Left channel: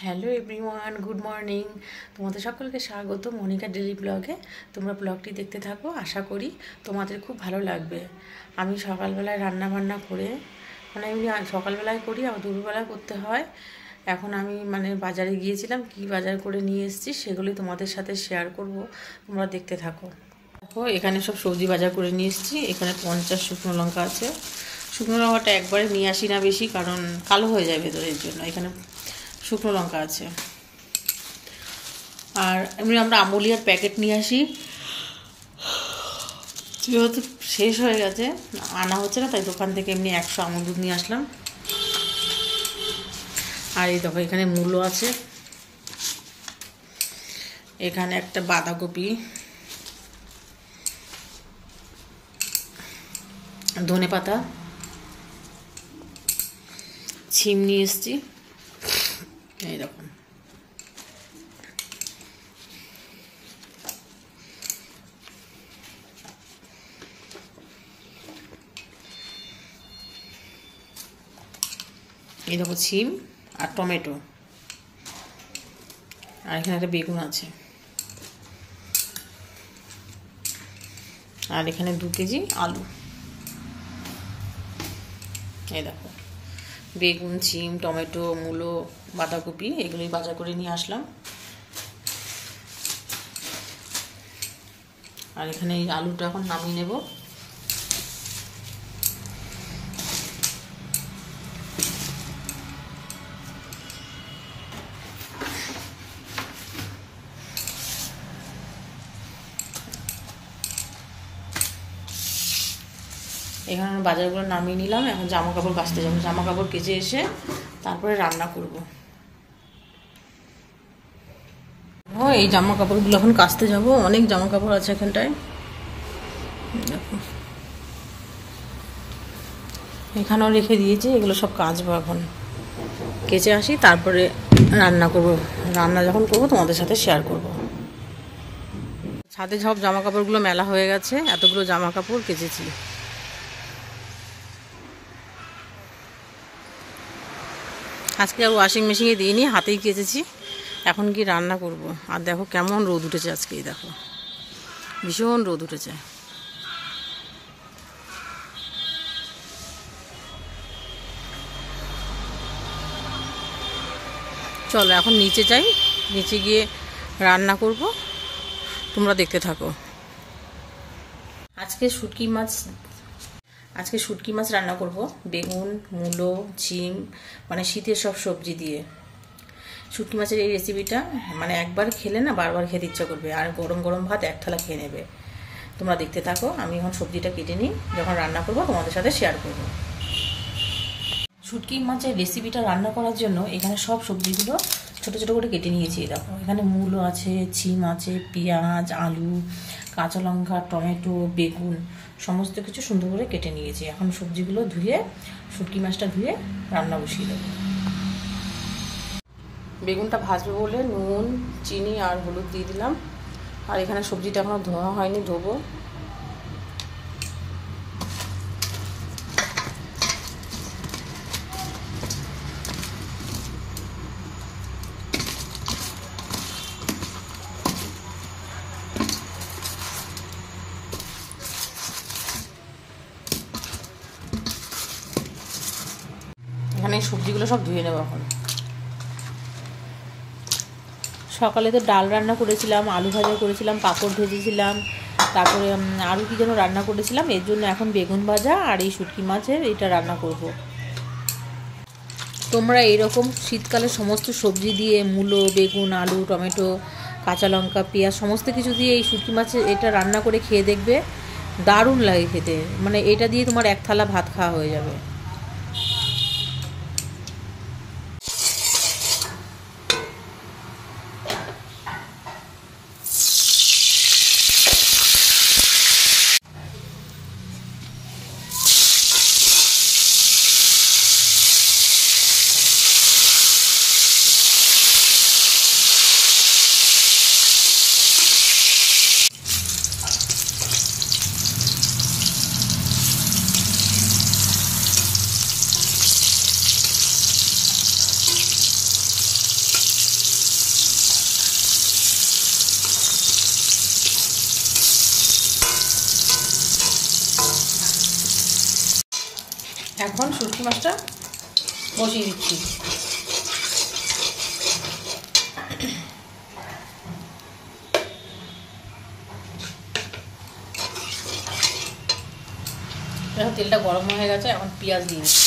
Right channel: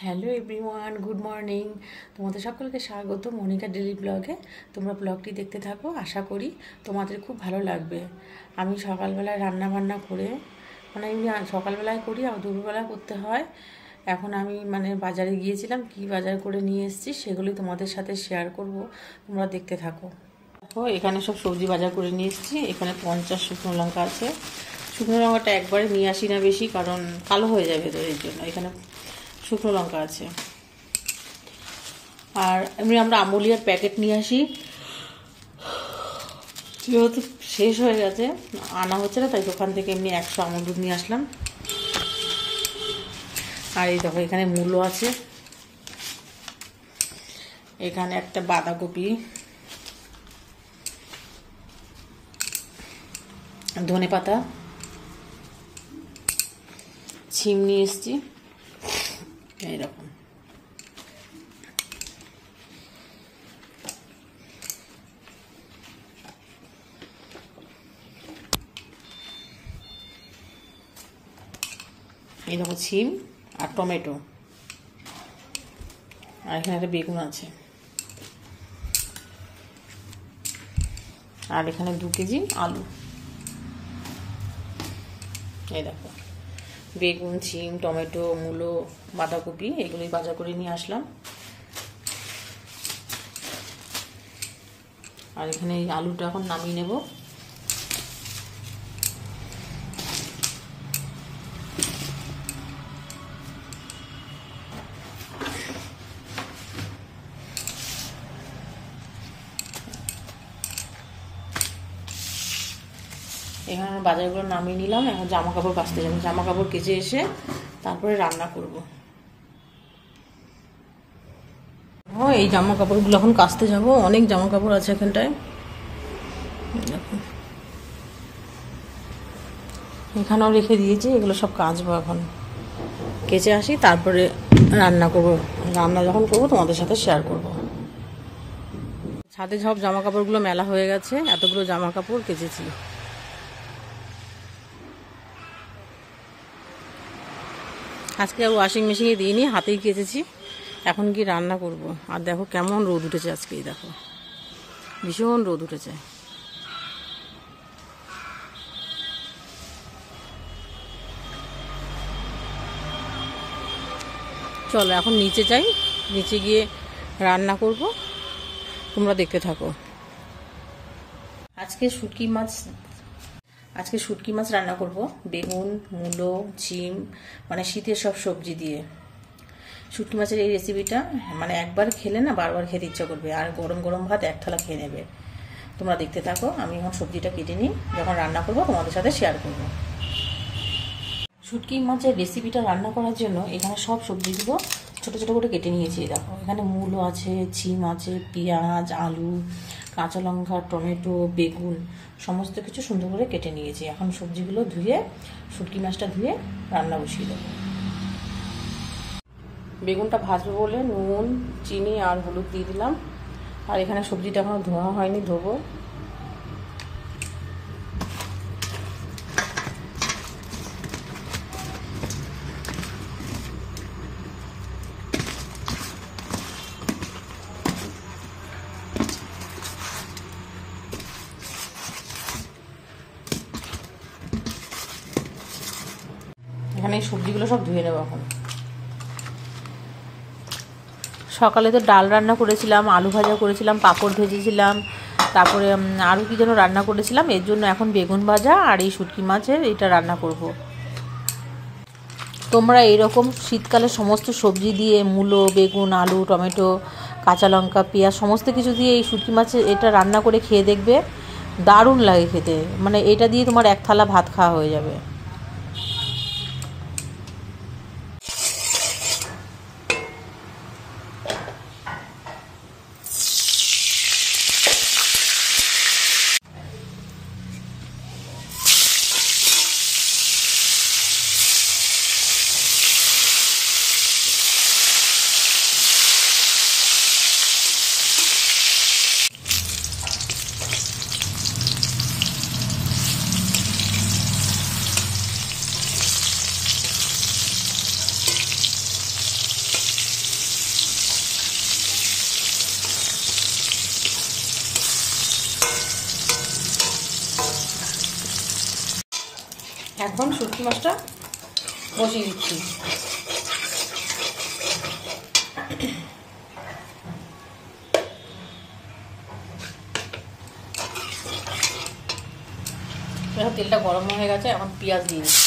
Hello everyone, good morning. তোমাদের সকলকে স্বাগত মনিকা ডেলি ব্লগে। তোমরা ব্লগটি দেখতে থাকো, আশা করি তোমাদের খুব ভালো লাগবে। আমি সকালবেলায় রান্না বান্না করে এমনি সকালবেলায় করি আর দুপুরবেলায় করতে হয়। এখন আমি বাজারে গিয়েছিলাম, কি বাজার করে নিয়ে এসেছি সেগুলি তোমাদের সাথে শেয়ার করব, তোমরা দেখতে থাকো। দেখো, এখানে সব সবজি বাজার করে নিয়ে এসেছি। এখানে 50 শুকনো লঙ্কা আছে। শুকনো লঙ্কাটা একবারে নিয়ে আসি না বেশি, কারণ কালো হয়ে যায় ভেতরের জন্য। এখানে শুকনো লঙ্কা আছে। আর এমনি আমরা আমুলিয়ার প্যাকেট নিয়ে আসি, যেহেতু শেষ হয়ে গেছে আনা হচ্ছে না, তাই দোকান থেকে এমনি 100 আমুল দুধ নিয়ে আসলাম। আর এই দেখো, এখানে মূলো আছে, এখানে একটা বাঁধাকপি, ধনেপাতা, ছিম নিয়ে এসছি। এইরকম এই দেখো, ছিম আর টমেটো, আর এখানে একটা বেগুন আছে, আর এখানে 2 কেজি আলু। এই দেখো, বেগুন, ছিম, টমেটো, মূলো, বাঁধাকপি এগুলোই বাজার করে নিয়ে আসলাম। আর এখানে এই আলুটা এখন নামিয়ে নেব। এখানে বাজারগুলো নামিয়ে নিলাম। এখন জামা কাপড় কাচতে যাবো। জামা কাপড় কেচে এসে তারপরে রান্না করব। এই জামা কাপড়গুলো এখন কাচতে যাব। অনেক জামা কাপড় আছে এখানটায়। দেখো, এখানেও রেখে দিয়েছি, এগুলো সব কাচবো। এখন কেচে আসি, তারপরে রান্না করব। রান্না যখন করব তোমাদের সাথে শেয়ার করব। ছাদে সব জামা কাপড়গুলো মেলা হয়ে গেছে, এতগুলো জামা কাপড় কেচেছি। আজকে আর ওয়াশিং মেশিনে দিইনি, হাতেই কেচেছি। এখন কি রান্না করব। আর দেখো কেমন রোদ উঠেছে আজকে, দেখো ভীষণ রোদ উঠেছে। চলো এখন নিচে যাই, নিচে গিয়ে রান্না করব, তোমরা দেখতে থাকো। আজকে শুটকি মাছ রান্না করব। বেগুন, মূলো, ছিম, শীতের সব সবজি দিয়ে শুটকি মাছের এই রেসিপিটা একবার খেলে না বারবার খেতে ইচ্ছা করবে। আর গরম গরম ভাত 1 থালা খেয়ে নেবে। তোমরা দেখতে থাকো। আমি এখন সবজিটা কেটে নিই, যখন রান্না করব তোমাদের সাথে শেয়ার করব। শুটকি মাছের রেসিপিটা রান্না করার জন্য এখানে সব সবজিগুলো ছোট ছোট করে কেটে নিয়েছি। দেখো, এখানে মূলো আছে, ছিম আছে, পেঁয়াজ, আলু, কাঁচা লঙ্কা, টমেটো, বেগুন সমস্ত কিছু সুন্দর করে কেটে নিয়েছি। এখন সবজিগুলো ধুয়ে, শুটকি মাছটা ধুয়ে রান্না বসিয়ে দেবো। বেগুনটা ভাজবে বলে নুন, চিনি আর হলুদ দিয়ে দিলাম। আর এখানে সবজিটা এখনো ধোয়া হয়নি, ধোবো। এখানে এই সবজিগুলো সব ধুয়ে নেবো এখন। সকালে তো ডাল রান্না করেছিলাম, আলু ভাজা করেছিলাম, পাঁপড় ভেজেছিলাম, তারপরে আরও কি যেন রান্না করেছিলাম। এর জন্য এখন বেগুন ভাজা আর এই শুটকি মাছের এটা রান্না করব। তোমরা এরকম শীতকালে সমস্ত সবজি দিয়ে, মূলো, বেগুন, আলু, টমেটো, কাঁচা লঙ্কা, পেঁয়াজ সমস্ত কিছু দিয়ে এই শুটকি মাছের এটা রান্না করে খেয়ে দেখবে, দারুণ লাগে খেতে। এটা দিয়ে তোমার 1 থালা ভাত খাওয়া হয়ে যাবে। এখন শুটকি মাছটা বসিয়ে দিচ্ছি। এখন তেলটা গরম হয়ে গেছে, এখন পেঁয়াজ দিয়ে দিচ্ছি।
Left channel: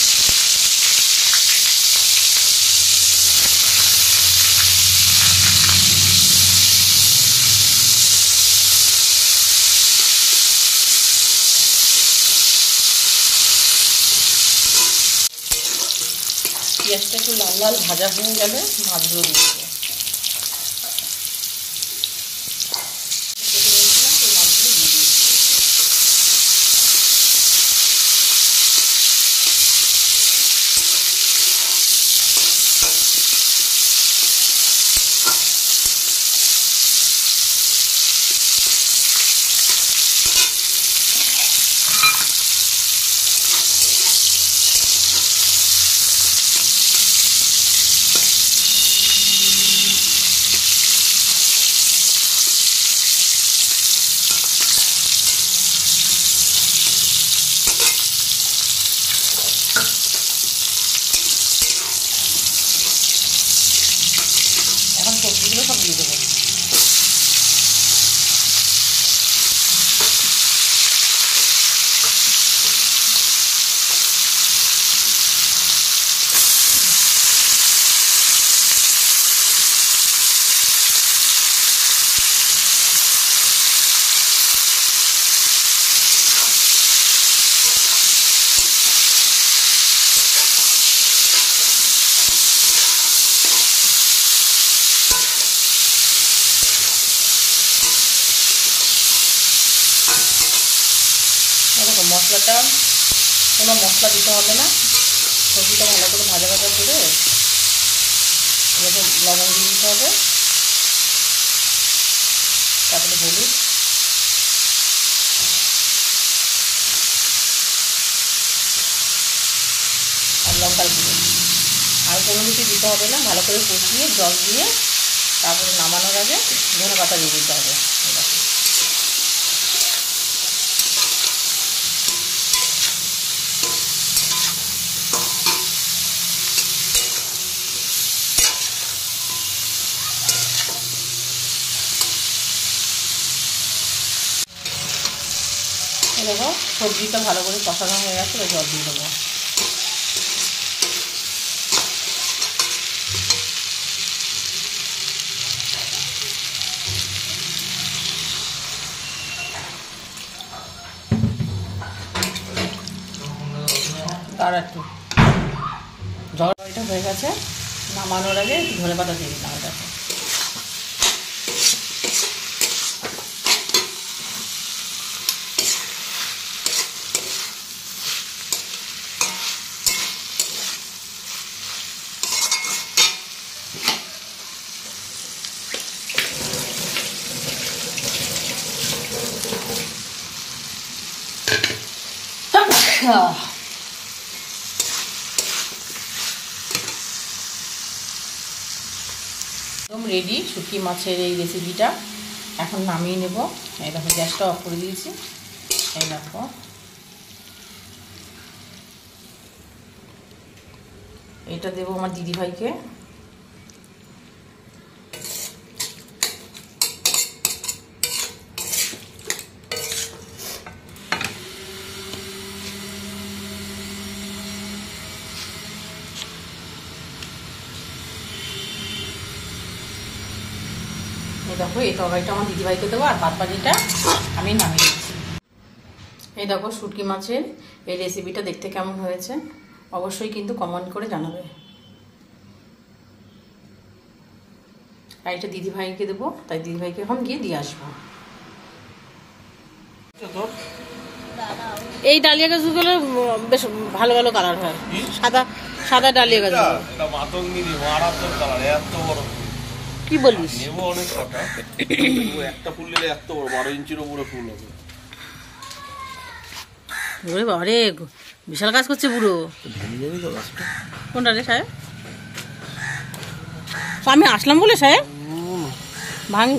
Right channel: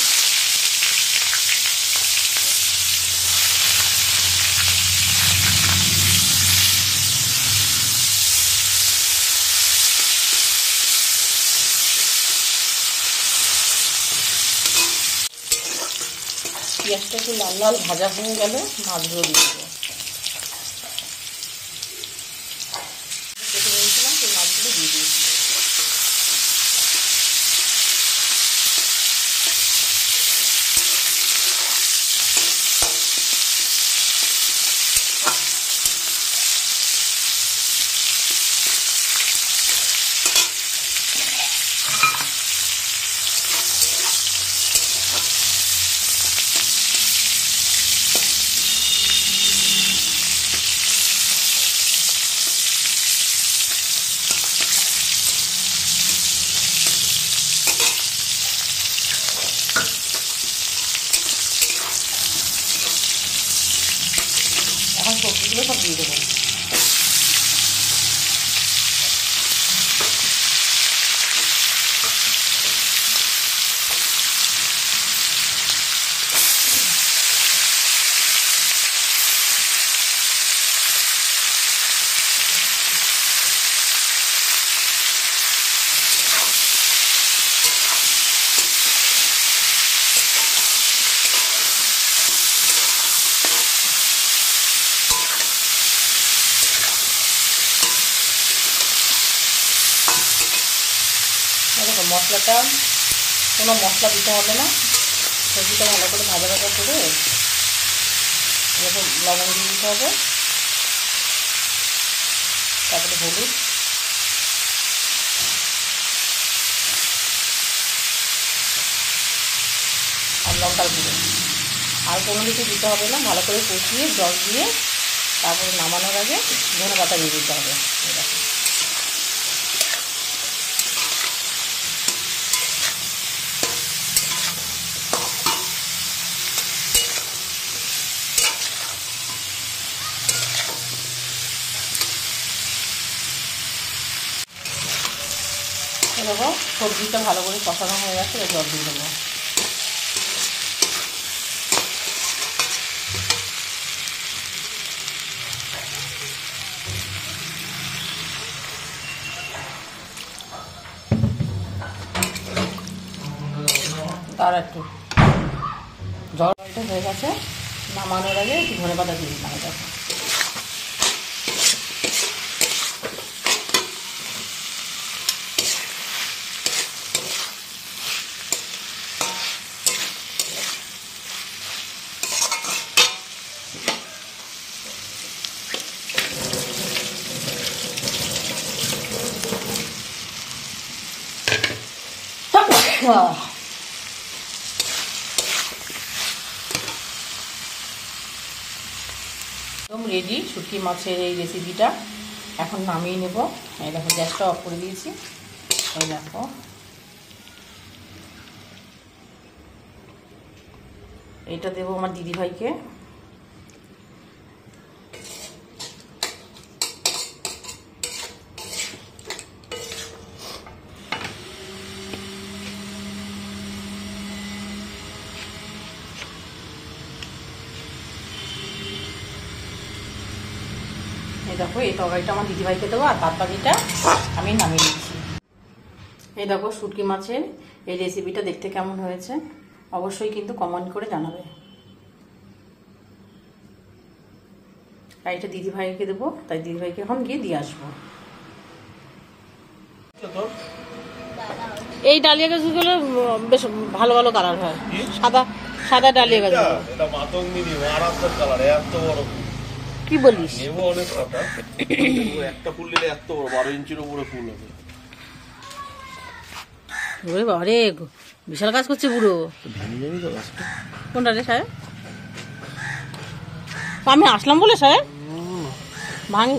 পেঁয়াজটা একটু লাল লাল ভাজা হয়ে গেলে মাছগুলো দিয়ে দেবো। কেটে নিয়েছিলাম সেই মাছগুলো দিয়ে দিয়েছি। এখন সবজিগুলো সব দিয়ে দেবো। দেখো মশলাটা, কোনো মশলা দিতে হবে না, সবজিটা ভালো করে ভাজা ভাজা করে এরকম লবণ দিয়ে দিতে হবে, তারপরে হলুদ, আর লঙ্কার গুঁড়ো, আর কোনো কিছু দিতে হবে না। ভালো করে কষিয়ে জল দিয়ে তারপরে নামানোর আগে ধনেপাতা দিয়ে দিতে হবে। দেখো সবজিটা ভালো করে কষানো হয়ে গেছে, জল দিয়ে দেবো। তার একটু জলটা হয়ে গেছে, নামানোর আগে একটু ধনেপাতা দিয়ে দিলাম। দেখো একদম রেডি শুটকি মাছের এই রেসিপিটা। এখন নামিয়ে নেব। এই দেখো গ্যাসটা অফ করে দিয়েছি। এই দেখো এটা দেবো আমার দিদিভাইকে। এই দেখো এই তরকারিটা আমার দিদিভাইকে দেবো, আর বাদ বাকিটা আমি নামিয়ে দিচ্ছি। এই দেখো শুটকি মাছের এই রেসিপিটা দেখতে কেমন হয়েছে অবশ্যই কিন্তু কমেন্ট করে জানাবে। আর এটা দিদিভাইকে দেবো, তাই দিদিভাইকে এখন গিয়ে দিয়ে আসবো। এই ডালিয়া গাছগুলো বেশ ভালো ভালো কালার হয়, সাদা সাদা ডালিয়া গাছ। কি বলিস? একটা ফুল নিলে এত বড় 12 ইঞ্চির উপরে ফুল হবে। ওরে বাবারে বিশাল কাজ করছে বুড়ো। কোনটা রে সাহেব? আমি আসলাম বলে সাহেব ভাঙি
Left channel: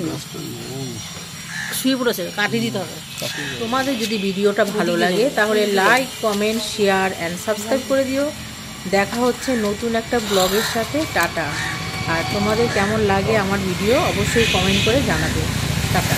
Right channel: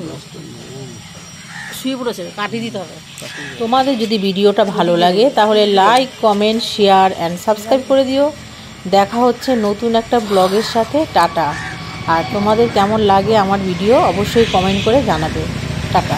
শুয়ে পড়েছে, কাটিয়ে দিতে হবে। তোমাদের যদি ভিডিওটা ভালো লাগে তাহলে like, comment, share and subscribe করে দিও। দেখা হচ্ছে নতুন একটা ব্লগের সাথে। টাটা। আর তোমাদের কেমন লাগে আমার ভিডিও অবশ্যই কমেন্ট করে জানাবে। টাটা।